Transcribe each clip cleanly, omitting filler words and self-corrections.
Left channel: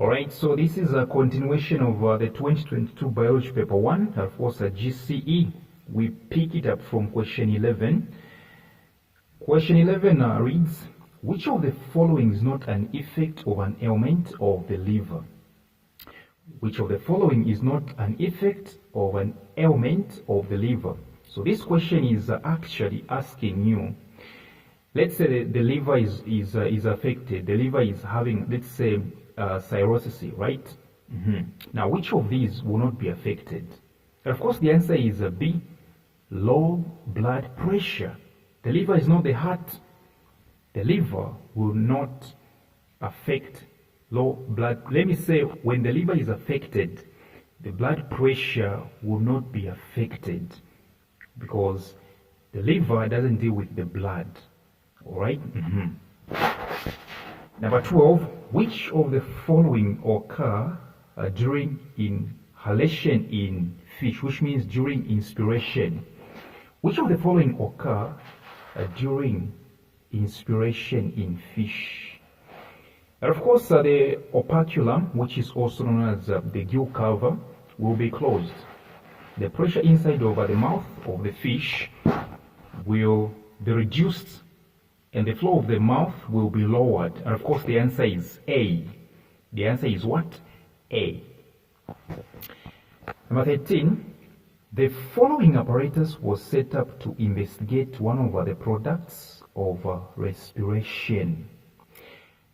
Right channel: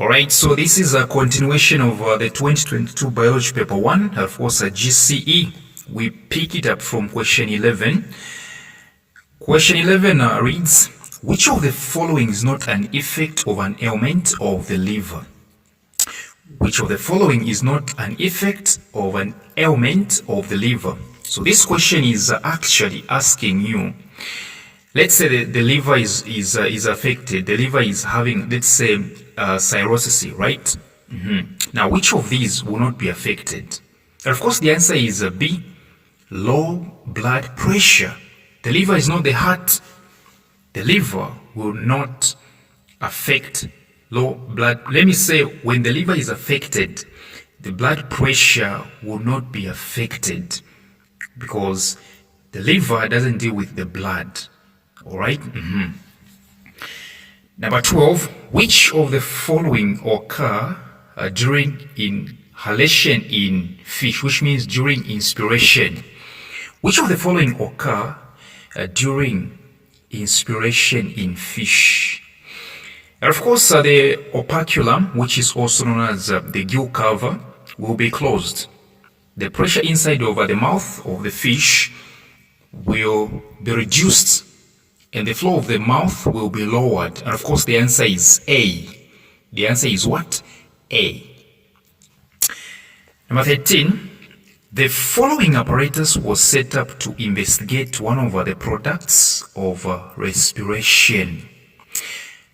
Alright, so this is a continuation of the 2022 Biology Paper 1, of course a GCE. We pick it up from question 11. Question 11 reads, which of the following is not an effect of an ailment of the liver? Which of the following is not an effect of an ailment of the liver? So this question is actually asking you, let's say the liver is affected, the liver is having, let's say, cirrhosis, right? Now, which of these will not be affected? And of course, the answer is B, low blood pressure. The liver is not the heart. The liver will not affect low blood. Let me say, when the liver is affected, the blood pressure will not be affected because the liver doesn't deal with the blood. All right? Number 12, which of the following occur during inhalation in fish, which means during inspiration? Which of the following occur during inspiration in fish? And of course, the operculum, which is also known as the gill cover, will be closed. The pressure inside over the mouth of the fish will be reduced and the flow of the mouth will be lowered. And of course, the answer is A. The answer is what? A. Number 13, the following apparatus was set up to investigate one of the products of respiration.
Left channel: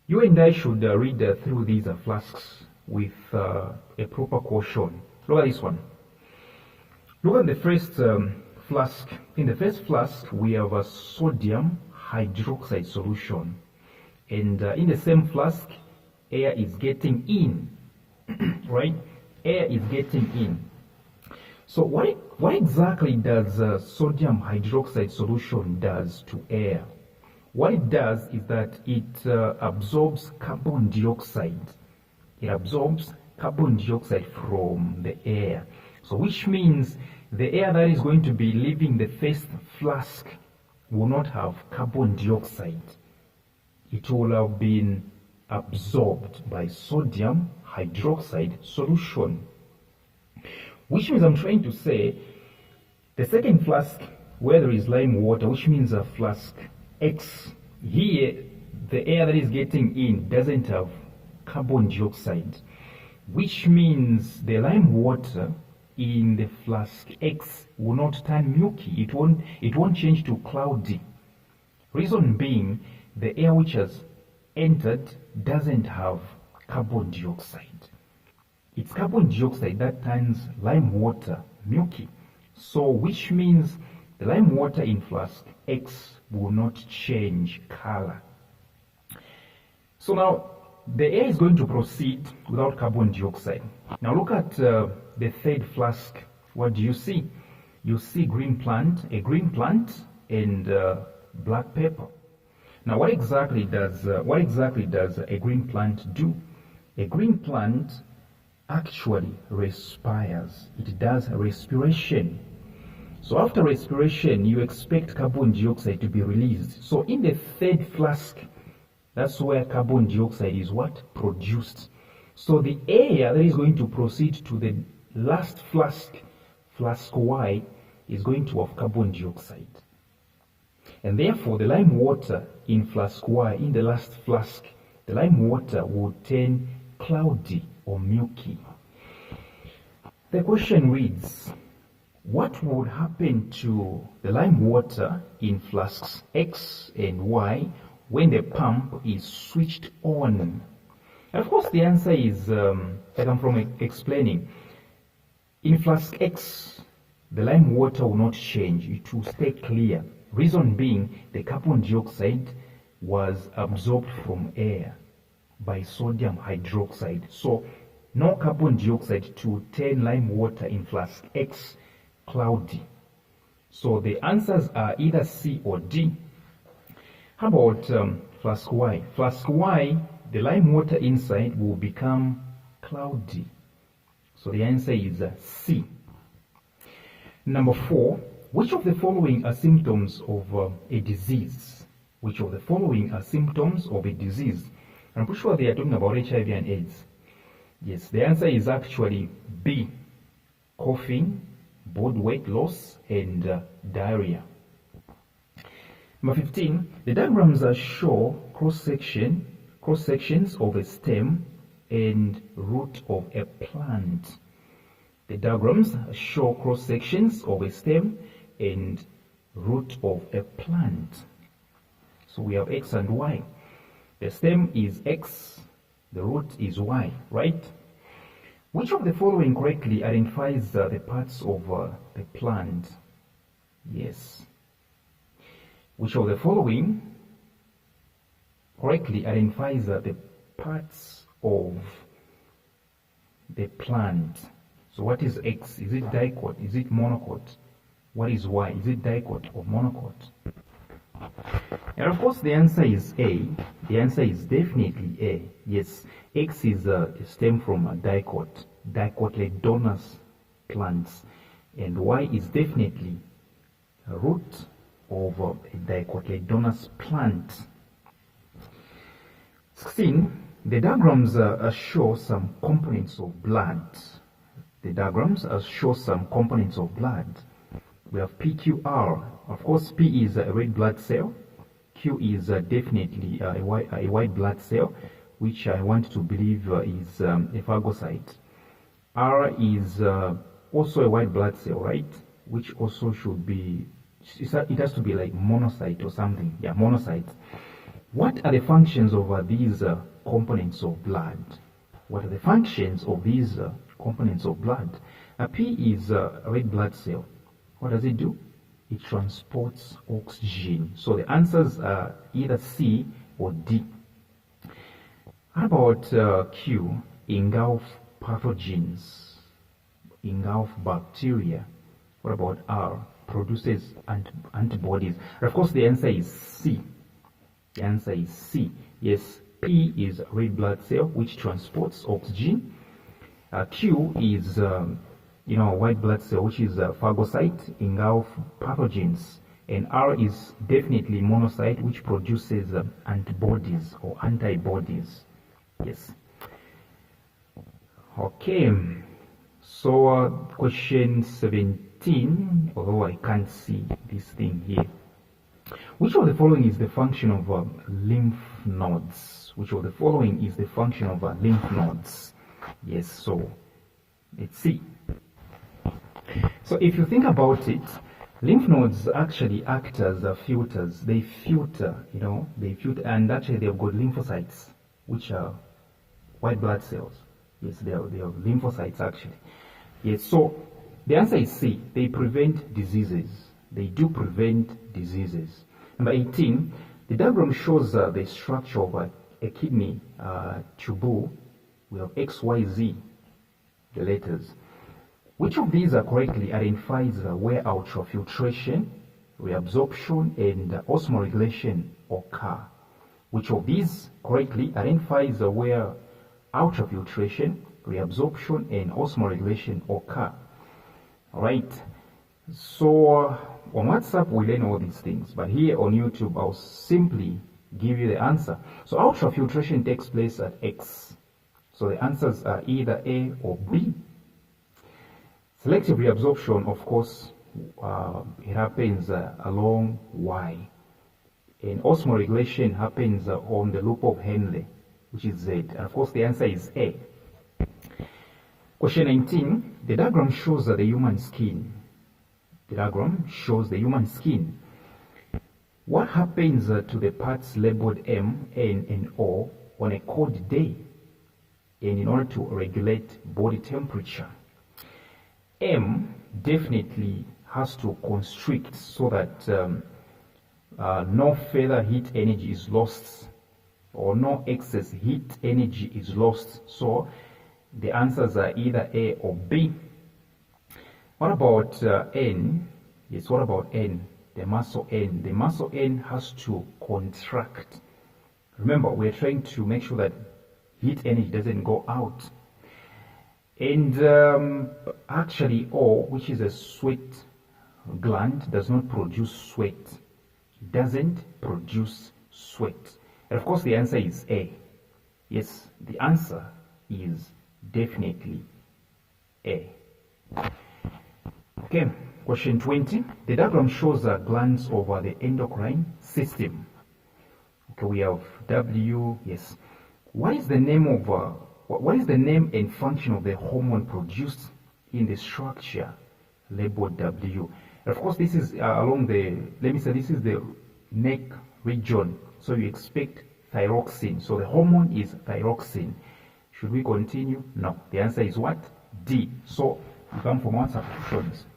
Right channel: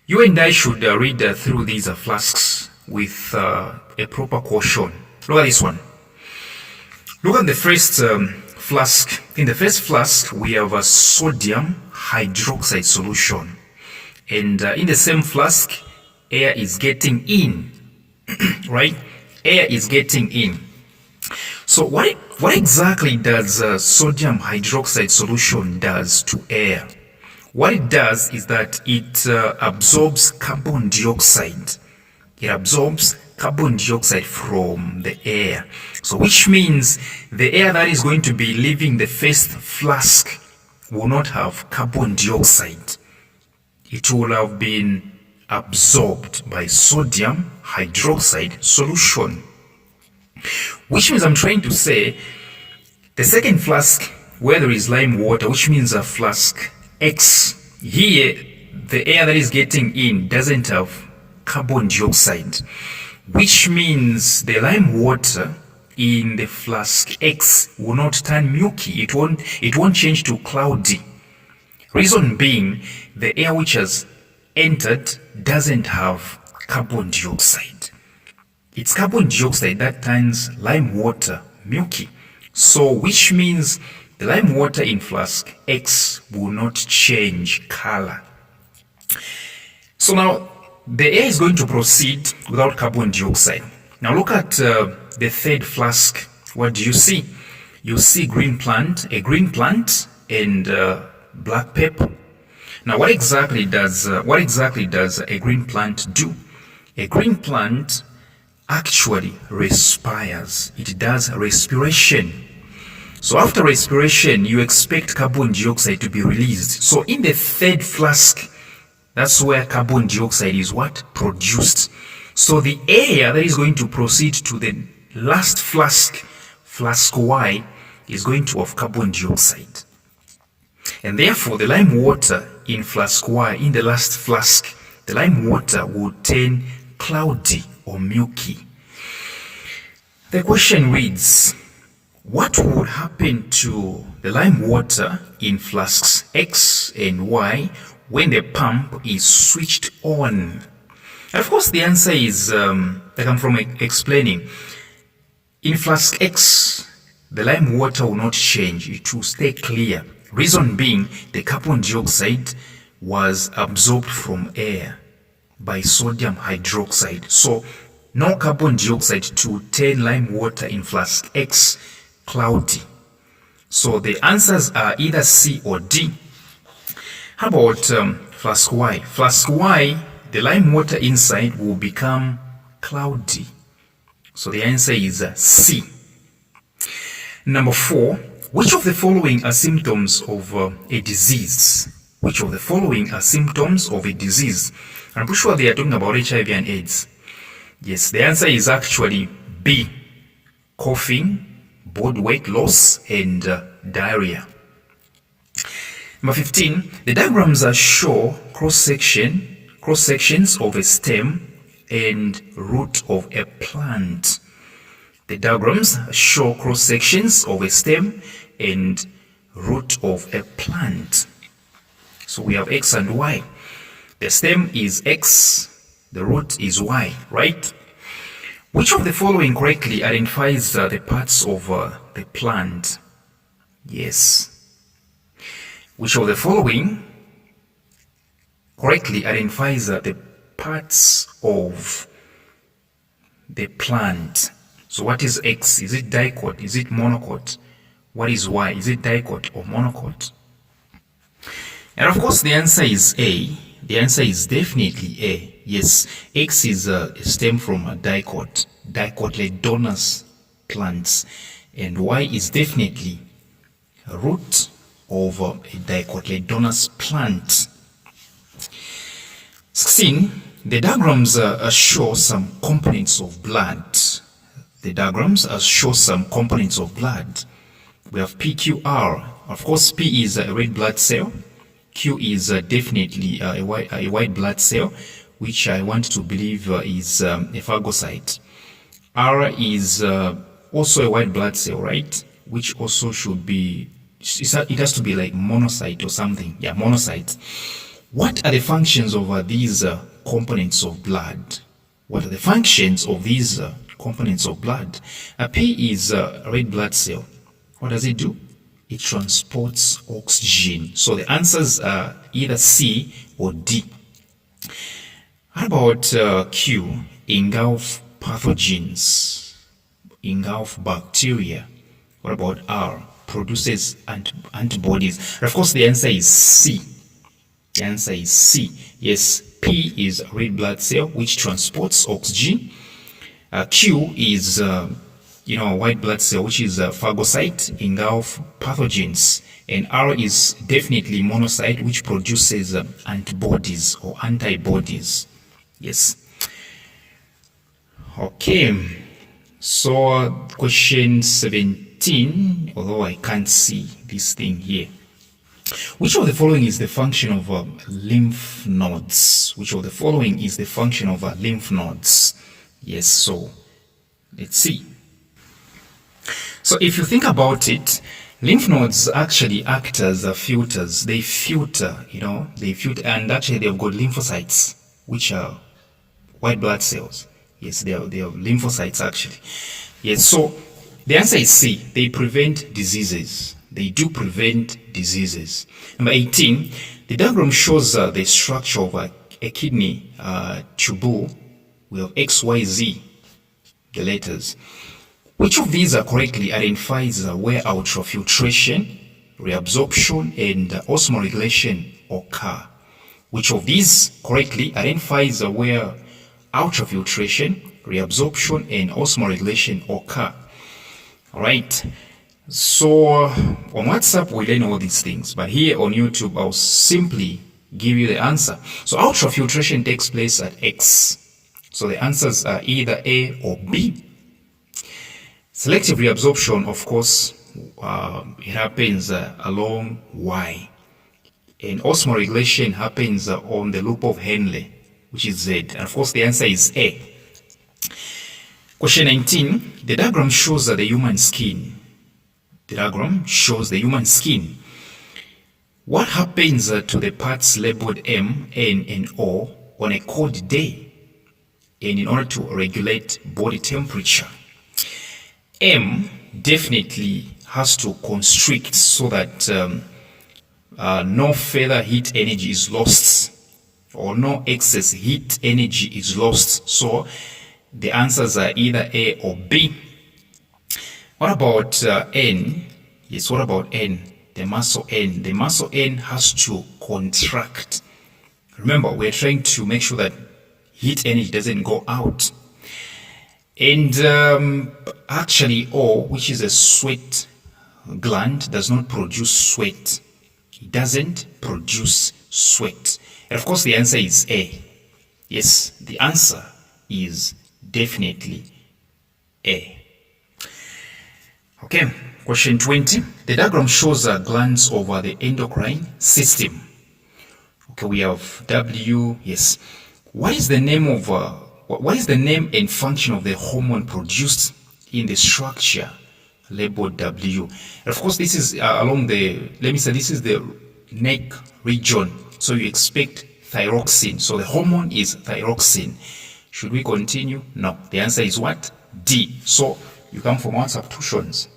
You and I should read through these flasks with a proper caution. Look at this one. Look at the first flask. In the first flask, we have a sodium hydroxide solution. And in the same flask, air is getting in, right? Air is getting in. So what exactly does sodium hydroxide solution does to air? What it does is that it absorbs carbon dioxide. It absorbs carbon dioxide from the air. So which means the air that is going to be leaving the first flask will not have carbon dioxide. It will have been absorbed by sodium hydroxide solution. Which means I'm trying to say the second flask where there is lime water, which means a flask X, here the air that is getting in doesn't have carbon dioxide, which means the lime water in the flask X will not turn milky. It won't change to cloudy. Reason being, the air which has entered doesn't have carbon dioxide. It's carbon dioxide that turns lime water milky. So which means the lime water in flask X will not change color. So now the air is going to proceed without carbon dioxide. Now look at the third flask. What do you see? You see a green plant and black pepper. Now what exactly does a green plant do? A green plant actually respires. It does respiration. So after respiration, you expect carbon dioxide to be released. So in the third flask, that's where carbon dioxide is what? Produced. So the air that is going to proceed to the last flask, flask Y, is going to have carbon dioxide. And therefore, the lime water in flask Y, in the last flask, the lime water will turn cloudy or milky. The question reads, what would happen to the lime water in flasks X and Y when the pump is switched on? And of course, the answer is, like I'm from explaining, in flask X, the lime water will not change. It will stay clear. Reason being, the carbon dioxide was absorbed from air by sodium hydroxide. So no carbon dioxide to turn lime water in flask X cloudy. So the answers are either C or D. How about flask Y? Flask Y, the lime water inside will become cloudy. So the answer is C. Number 4, which of the following are symptoms of a disease? Which of the following are symptoms of a disease? I'm pretty sure they are talking about HIV and AIDS. Yes, the answer is actually B. Coughing, body weight loss, and diarrhea. Number 15, the diagrams show cross-sections of a stem and root of a plant. The diagrams show cross-sections of a stem and root of a plant. So we have X and Y. The stem is X, the root is Y, right? Which of the following correctly identifies the parts of the plant? Yes. Which of the following correctly identifies the parts of the plant? So what is X? Is it dicot? Is it monocot? What is Y? Is it dicot or monocot? And of course the answer is A. The answer is definitely A. Yes, X is a stem from a dicot, dicotyledonous plants, and Y is definitely a root of a dicotyledonous plant. 16. The diagrams show some components of blood. The diagrams show some components of blood. We have PQR. Of course, P is a red blood cell. Q is definitely a white blood cell, which I want to believe is a phagocyte. R is also a white blood cell, right? Which also should be, it has to be like monocyte or something. Yeah, monocyte. What are the functions of these components of blood? What are the functions of these components of blood? P is a red blood cell. What does it do? It transports oxygen. So the answers are either C or D. How about Q? Engulf pathogens, engulf bacteria. What about R? Produces antibodies. And of course, the answer is C. The answer is C. Yes, P is red blood cell, which transports oxygen. Q is white blood cell, which is a phagocyte, engulf pathogens. And R is definitely monocyte, which produces antibodies or antibodies. Yes. Okay. So question 17, although I can't see this thing here. Which of the following is the function of lymph nodes? Which of the following is the function of lymph nodes? Yes, so let's see. So if you think about it, lymph nodes actually act as filters. They filter, and actually they've got lymphocytes, which are white blood cells. Yes, they are lymphocytes actually. Yes, so the answer is C. They prevent diseases. They do prevent diseases. Number 18, the diagram shows the structure of a kidney tubule. We have X, Y, Z, the letters. Which of these correctly identifies where ultrafiltration, reabsorption, and osmoregulation occur? Which of these correctly identifies where ultrafiltration, reabsorption, and osmoregulation occur? All right. So on WhatsApp, we learn all these things, but here on YouTube, I'll simply give you the answer. So ultrafiltration takes place at X. So the answers are either A or B. Selective reabsorption, of course, it happens along Y. And osmoregulation happens on the loop of Henle, which is Z. And of course, the answer is A. Question 19. The diagram shows the human skin. The diagram shows the human skin. What happens to the parts labeled M, N, and O on a cold day and in order to regulate body temperature? M definitely has to constrict so that no further heat energy is lost or no excess heat energy is lost. So the answers are either A or B. What about N? Yes, what about N? The muscle N. The muscle N has to contract. Remember, we're trying to make sure that heat energy doesn't go out. And actually O, which is a sweat gland, does not produce sweat. It doesn't produce sweat. And of course the answer is A. Yes, the answer is definitely A. Okay, question 20. The diagram shows glands over the endocrine system. Okay, we have W, yes. What is the name and function of the hormone produced in the structure labeled W? And of course, this is along the, this is the neck region. So you expect thyroxine. So the hormone is thyroxine. Should we continue? No. The answer is what? D. So you come from our substitutions.